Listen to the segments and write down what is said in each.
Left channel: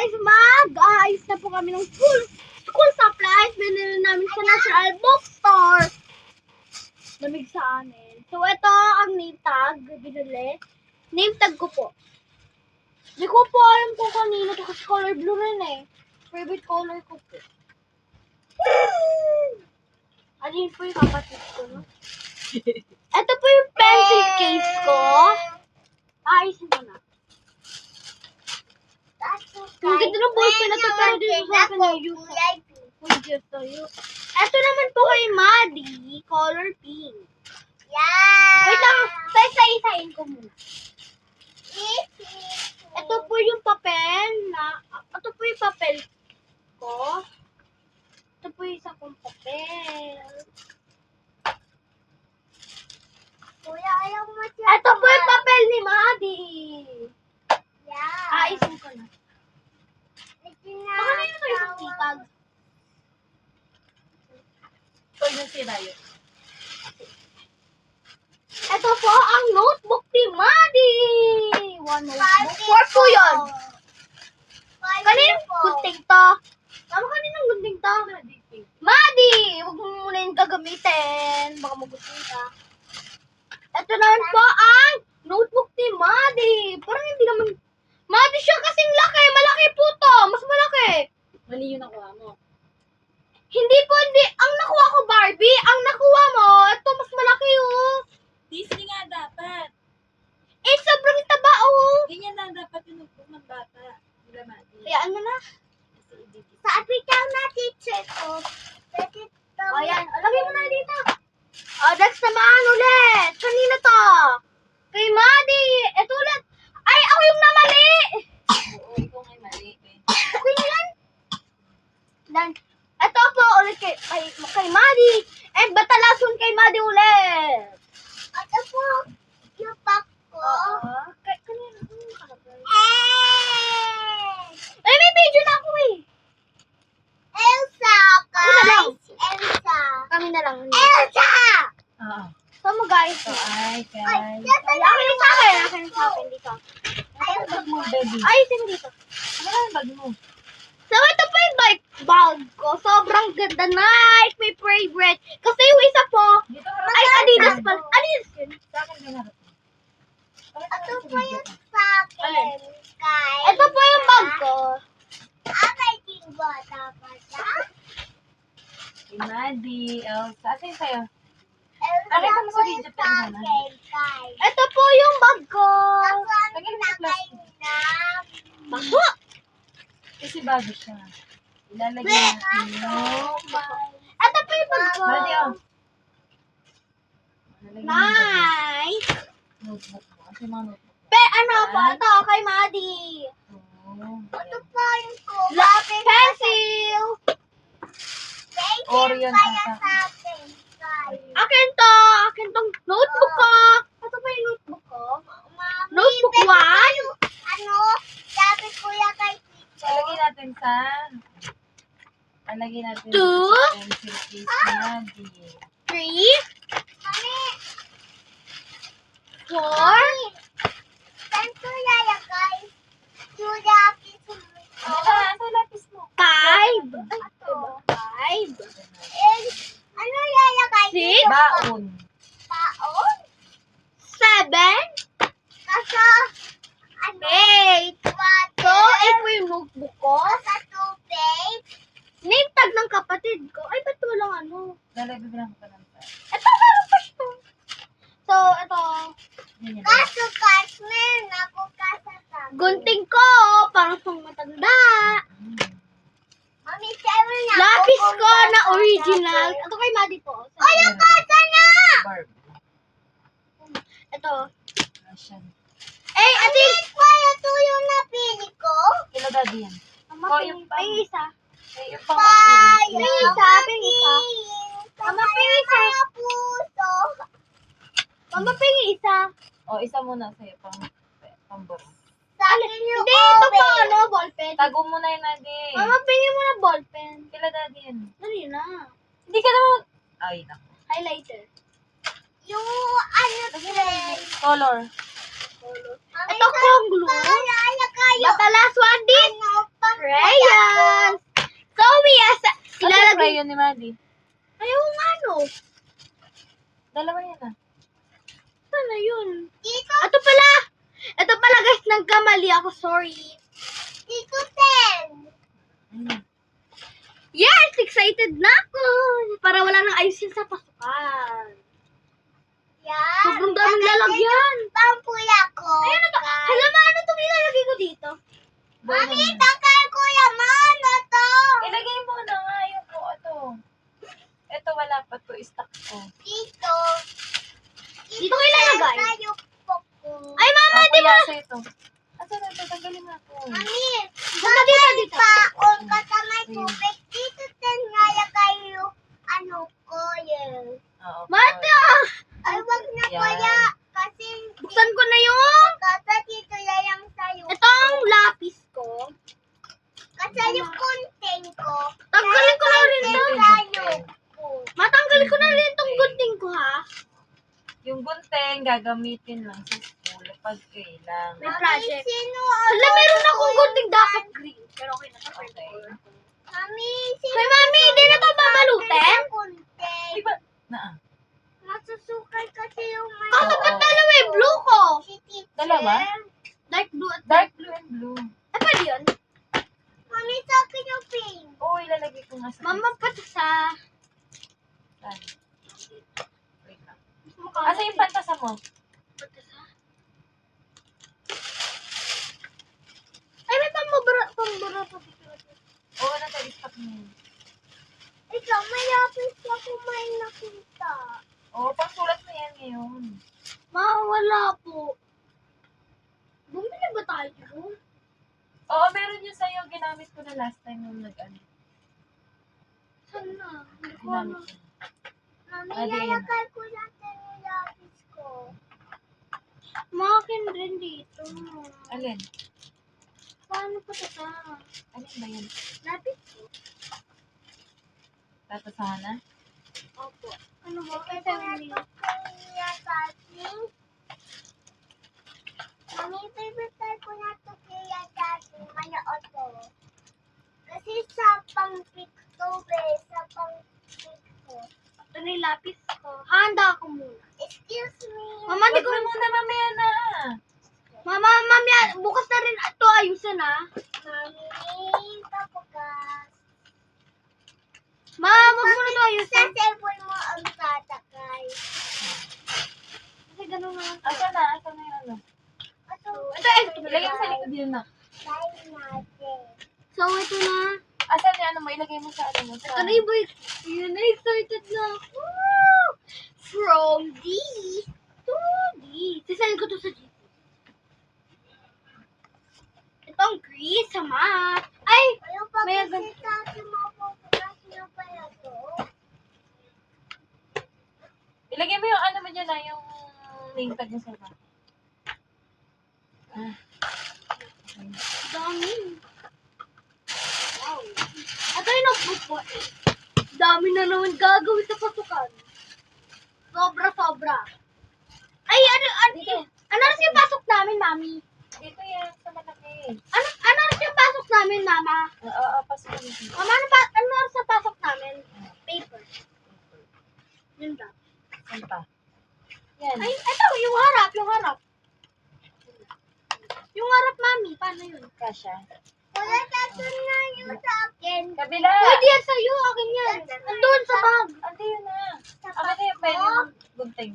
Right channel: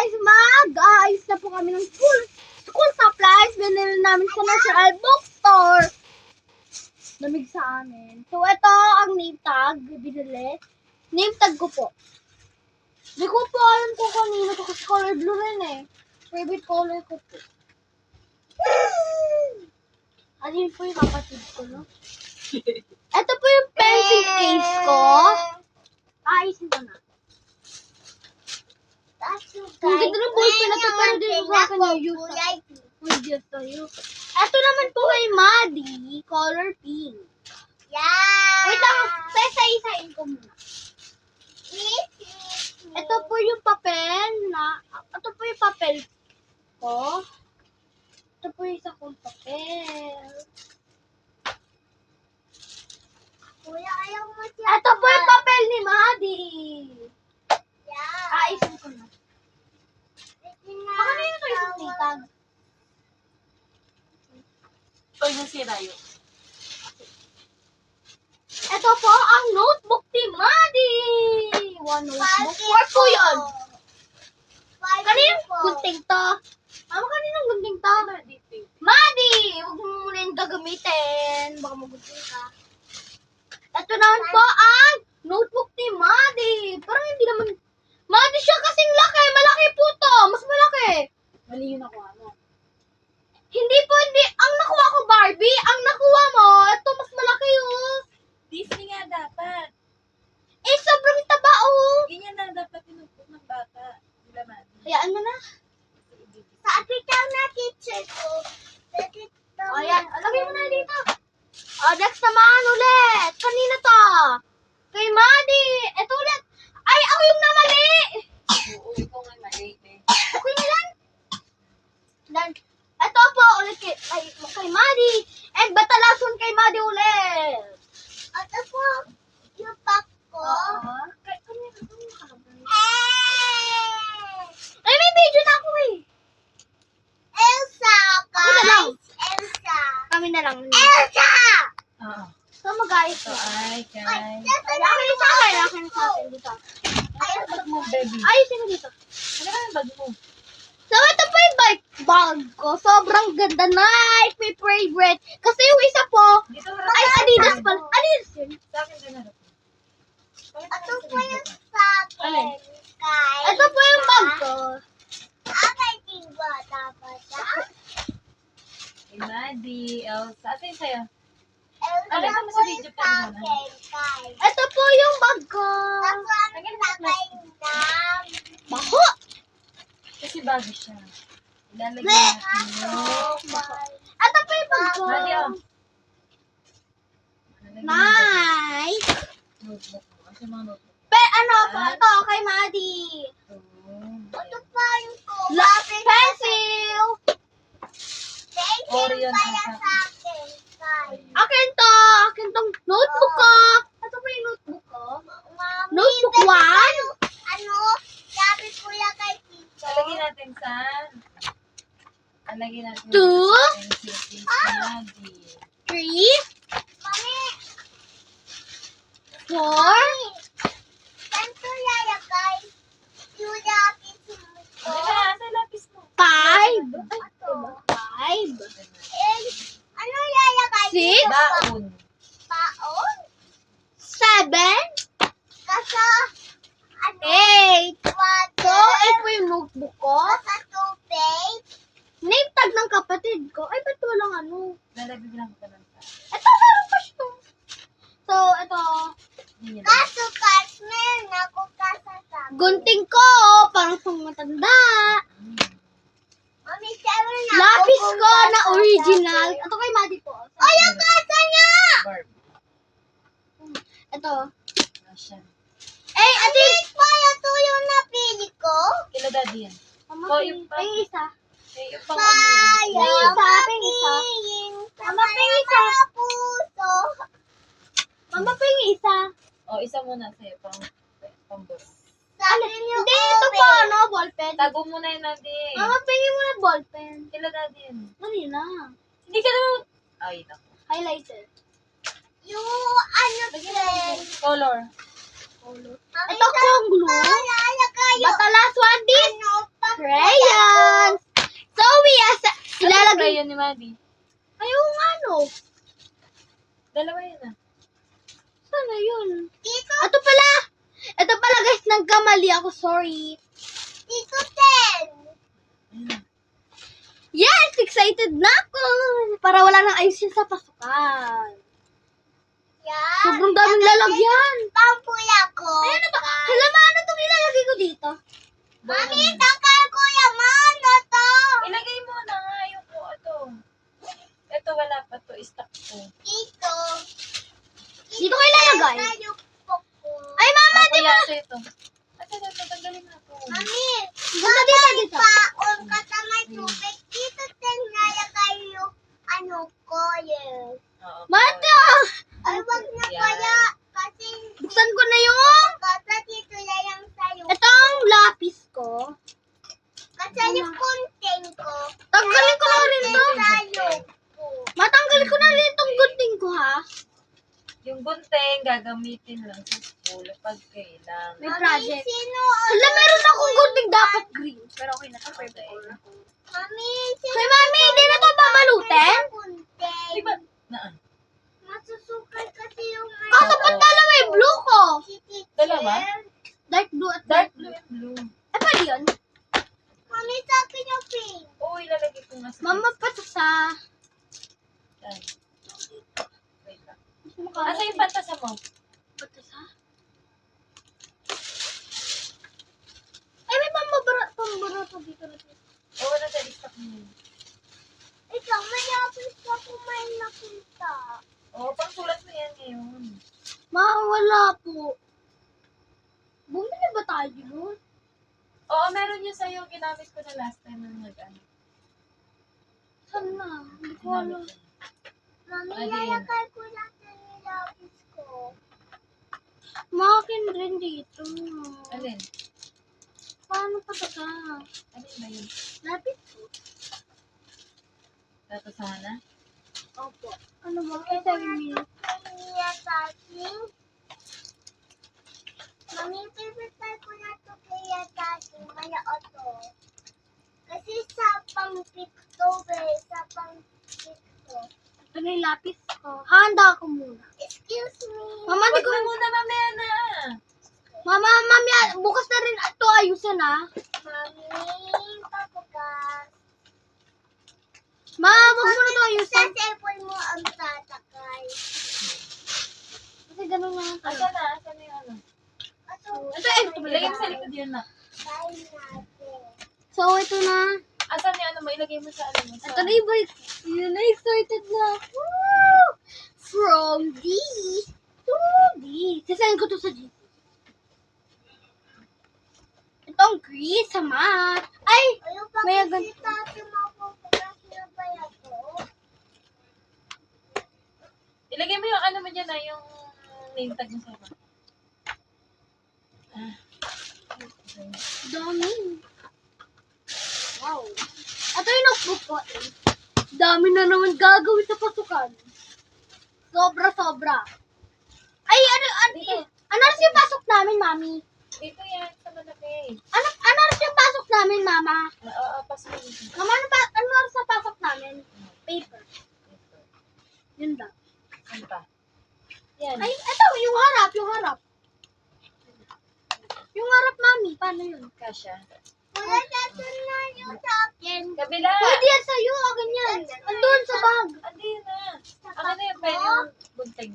guys, mag-aayos na po kami ng school supplies. Binili namin sa National Bookstore. Lamig sa amin. So, ito ang name tag. Binili. Name tag ko po. Di ko po alam kung kanino to kasi color blue rin eh. Favorite color ko po. Alin po yung kapatid ko, no? Ito po yung pencil case ko. Ayusin ko na. Ang ganda ng ballpen na to, pero dito sa akin yung use. Uy, Diyos tayo. Ito naman po kay Maddie, color pink. Yeah! Wait lang, isa-isain ko muna. Ito po yung papel na, ito po yung papel ko. Ito po yung isa kong papel. Kuya, ayaw mo siya. Ito po yung papel ni Maddie. Yeah. Ayusin ko na. Baka nyo ito yung titag. Pag nasira yun. Ito po ang notebook ni Maddie. One notebook. Four po yun. Kanino gunting to? Mama, kaninong gunting to? Maddie! Huwag mo muna yung gagamitin. Baka magunting ka. Ito naman po ang notebook ni Maddie. Parang hindi naman... Maddie siya kasing laki. Malaki po to. Mas malaki. Mali yung nakuha mo. Hindi po, hindi. Ang nakuha ko, Barbie. Ang nakuha mo, ito mas malaki oh. Disney nga dapat. Eh, sobrang taba oh. Ganyan na dapat yung notebook ng bata. Wala mali. Hayaan mo na. Sa apitaw na teacher ko. O, yan. O, lagay mo na dito. O, next naman ulit. Kanino to? Kay Maddie. Ito ulit. Ay, ako yung namali. Oo, ikaw nga mali. Okay na yan. Dan. Ito po ulit kay Maddie. And batalason kay Maddie ulit. Ito po yung pack ko. Kanino to? Ay, may video na ako eh. Elsa, Ako na lang. Elsa. Kami na lang. Elsa! Oo. So, mag-ayos So, na. ay, guys. Ay, akin yung sa akin. Akin yung sa akin dito. Ano bag mo, baby? Ayusin mo dito. Ano na yung bag mo? So, ito po yung bag ko. Sobrang ganda. Nike, my favorite. Kasi yung isa po, Dito harap. ay Adidas pala. Adidas yun. Sa akin din harap. Ito po yung sa Alin? akin. Kay Ito po yung bag ko. Akay tiba dapat siya. Kay Maddie. Elsa. Ate yung sa'yo. Elsa Ano ito mo po sa yung video sa pa akin. naman? Kay. Ito po yung bag ko. Ako ang Lagyan mo sa nilagay na. Baho. Kasi bago siya. Ilalagay Wait! natin yun. Ito po yung bag ko. Maddie, oh. Ilalagay mo yung Nice. notebook mo. Kasi mga notebook. Ano po? Ito kay Maddie. Ito pa yung ko. Pencil. Orion Kaya ata. sa akin. Kay. Akin to. Akin tong notebook ko. Ito pa yung notebook ko. Mami, Notebook pwede 1. ba yung, ano, sabi kuya kay Tito. Alagay natin sa... Alagay natin Two. sa pencil case ni Maddie. 3, Mami, 4, saan ko lalagay? Yung lapis mo ko. Ano ba? Asa yung lapis mo? 5. Ito. 5. Eh, ano lalagay? Six. dito? Baon. Baon? 7, Kasa, ano? 8. Water? So, ito yung notebook ko. Kasa tubig? Name tag ng kapatid ko. Ay, ba't walang ano? Lalagay ko lang pa. Ito, meron pa siya. So, ito. Ganyan. Kaso, meron ako kasa sa Gunting ko. Parang pang matanda. Mami, sabi na Lapis ako ko na kasa original. sa- Ito kay Maddie po. So, Ay, ang kasa niya! Barb. ito. Russian. Eh, ati. Pa, ito yung napili ko. Kilo daddy yan. Mama, Oh, ping yung pang- isa. Eh, yung pang Sayang. Ping isa, ping isa. Mama, ping isa. Kaya puso. Mama, ping isa. O, isa muna sa'yo. Pang boss. Sabi niyo, Hindi, ito po, ano, ballpen. Tago mo na yun, Adi. Mama, pingin mo na ballpen. Kilo daddy yan. Dali na. Hindi ka naman... Ay, naku. Highlighter. Yung ano, friend. Color. Ito kong glue. Lalagay yung Batalas one this. ano, pang yan ni Maddie. Ayaw nga, no. Dalawa yan ah. Sana yun. Dito, Ito pala. Ito pala guys, nagkamali ako. Sorry. dito 10. Mm. Yes! Excited na ako. Para wala nang ayos yun sa pasukan. Yan. Sobrang daming lalagyan. Pampuya ko. Ayan na to. Hala mo, ano itong ilalagay ko dito? Mami, takal ko yan. Ano to? Ilagay mo na nga yung po ito. Ito wala pa to. Stock ko. Dito. Dito ko ilalagay. Tayo po ko. Ay, mama, di ba? Kuya, ito. Asa na ito? Tanggalin mo ito. Mami, Basta dito, dito. paon ka sa may tubig. Dito 10 nalagay yung ano ko yun. Oo. Mata! Ay, wag na Yan. kaya. Kasi Buksan ko na yung... kasa dito lang yung sayo. Ito ang lapis ko. Kasi yung kunting ko. Tanggalin ko na rin to. Sayo ko. Matanggalin ko na rin itong gunting ko, ha? Yung gunting, gagamitin lang sa school pag kailangan. May project. Sino? Hala, meron akong gunting dapat green. Pero okay na to. Purple. Mami, sino? Kay mami, hindi na to babalutin? Kunting. Di ba? Na Masusukay kasi yung may... Kaso ba't dalawa yung blue ko? Si teacher. Dalawa? Dark blue at Dark blue and blue. Eh, pwede yun? Mami, sa akin yung pink. Oo, ilalagay ko nga sa Mama, patasa. Saan? Wait lang. Makalat. Asa yung pantasa mo? Patasa? Ay, may pambara pa dito na dito. Oo, nasa stock mo yun. Ikaw, may lapis ka kung may nakita. Oo, pangsulat mo yan ngayon. Wala po. Bumili ba tayo nun? Oo, meron yun sa'yo. Ginamit ko na last time nung nag-ano. Saan na? Hindi ko alam. Ginamit ko. Mami, Ano yun? lalagay ko natin yung lapis ko. Makin rin dito. Alin? Paano patasa? Alin ba yun? Lapis ko. Tatasahan na? Opo. Ano ba? Ay, Ito tell me. kaya tating. Mami, pipitay ko na ito kaya tating. Maya oto. Kasi sa pang-picto, sa pang-picto. Ito na yung lapis ko. Handa ako muna. Excuse me. Mama, hindi Huwag ko... na muna, mamaya na. Mama, mamaya, bukas na rin ito ayusan, ha? Mami, papugas. Ma, wag mo na ito Sa ayusan. cellphone mo ang tatakay. Kasi ganun naman tayo. Asa na? Asa na yung ano? Ato, Ito pala. Ilagay mo sa likod yun na. tayo natin. So, ito na. Asan yung ano mo? Ilagay mo sa ano mo? Sa... Ito na yung boy. Yun na, excited na ako. From D to D. Sasend ko to sa G. Ito ang Grease sa math. Ay! Ayaw pa May kasi tayo mapupugas na ba ito? Ilagay mo yung ano mo dyan na, yung name tag mo sa iba. Ah. Okay. Dami. Wow. Ito yung notebook ko eh. Dami na naman gagawin sa pasukan. Sobra. Ay, ano rin yung pasok namin, mami? Dito yan, sa malaki. Ano rin yung pasok namin, mama? Oo, pasok mo dito. Mama, ano rin sa pasok namin? Paper. Yun lang. Saan pa? Yan. Ay, ito, yung harap. Yung harap, mami. Paano yun? Kasha. Wala tayo na yun sa akin. Kabila! Pwede yan sa'yo. Akin yan. Andun sa bag. Andi yun na. Sa Ako na yung bag pen ko. yung gunting.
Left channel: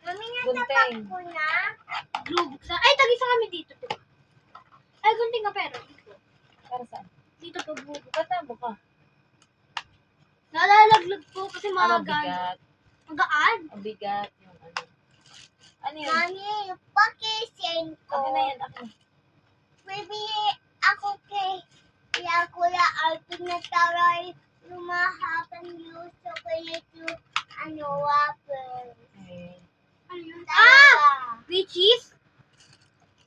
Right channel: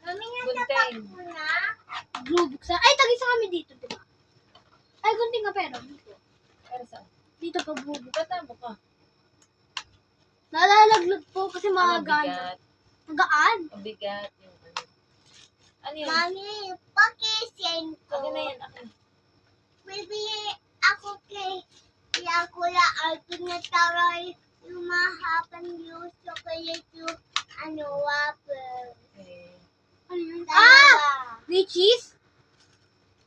Mami, Gunting. nasapak ko na. Glue book sa... Ay, tagisa kami dito, diba? Ay, gunting ka pero. Dito. Para saan? Dito pa bubo. Tatabo ka. Nalalaglag po kasi Ang magaan. bigat. Magaan. Ang bigat yung ano. Ano yun? Mami, pakisend ko. Akin na yan, akin. Bibili ako kay Kuya Alvin na taray lumahapan yung chocolate yung waffle. Okay. Ano yun? Dalawa. Richies?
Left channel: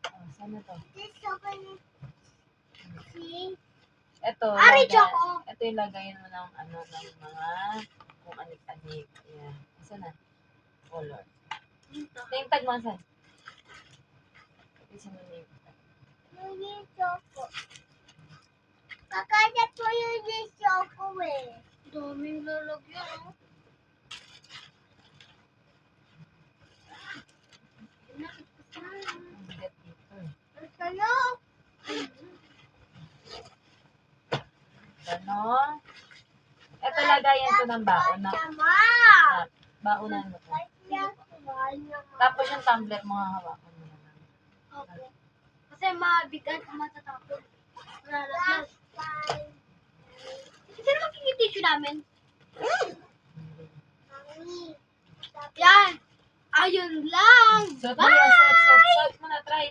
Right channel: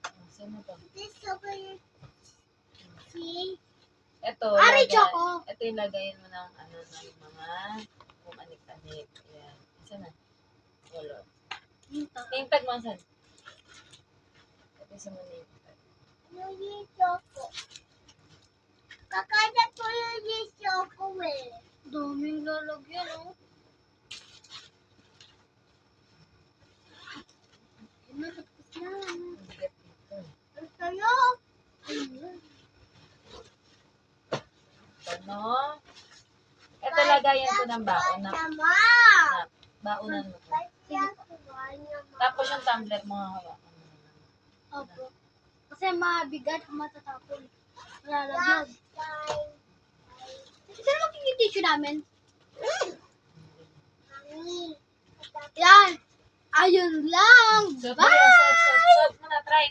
Oh, saan na to? This chocolate. See? Ito. Ari, lagay- Choco. Ito yung lagayan mo ng ano, ng mga kung anik-anik. Yan. Saan na? Color. Dito. Name tag mo saan? Kasi mo name tag. Yung choco. Kakagat ko yung choco eh. ng baon na. Sama. Baonan mo to. Kasi yan, kumain naman. Tapos yung tumbler mo hahawakan mo. Opo. Kasi mabigat, matatapon. Malalaglag. Bye. Sino magiging tissue namin? Mami. Yan. Ayun lang. So, Bye! Kuya, suot mo na. Try.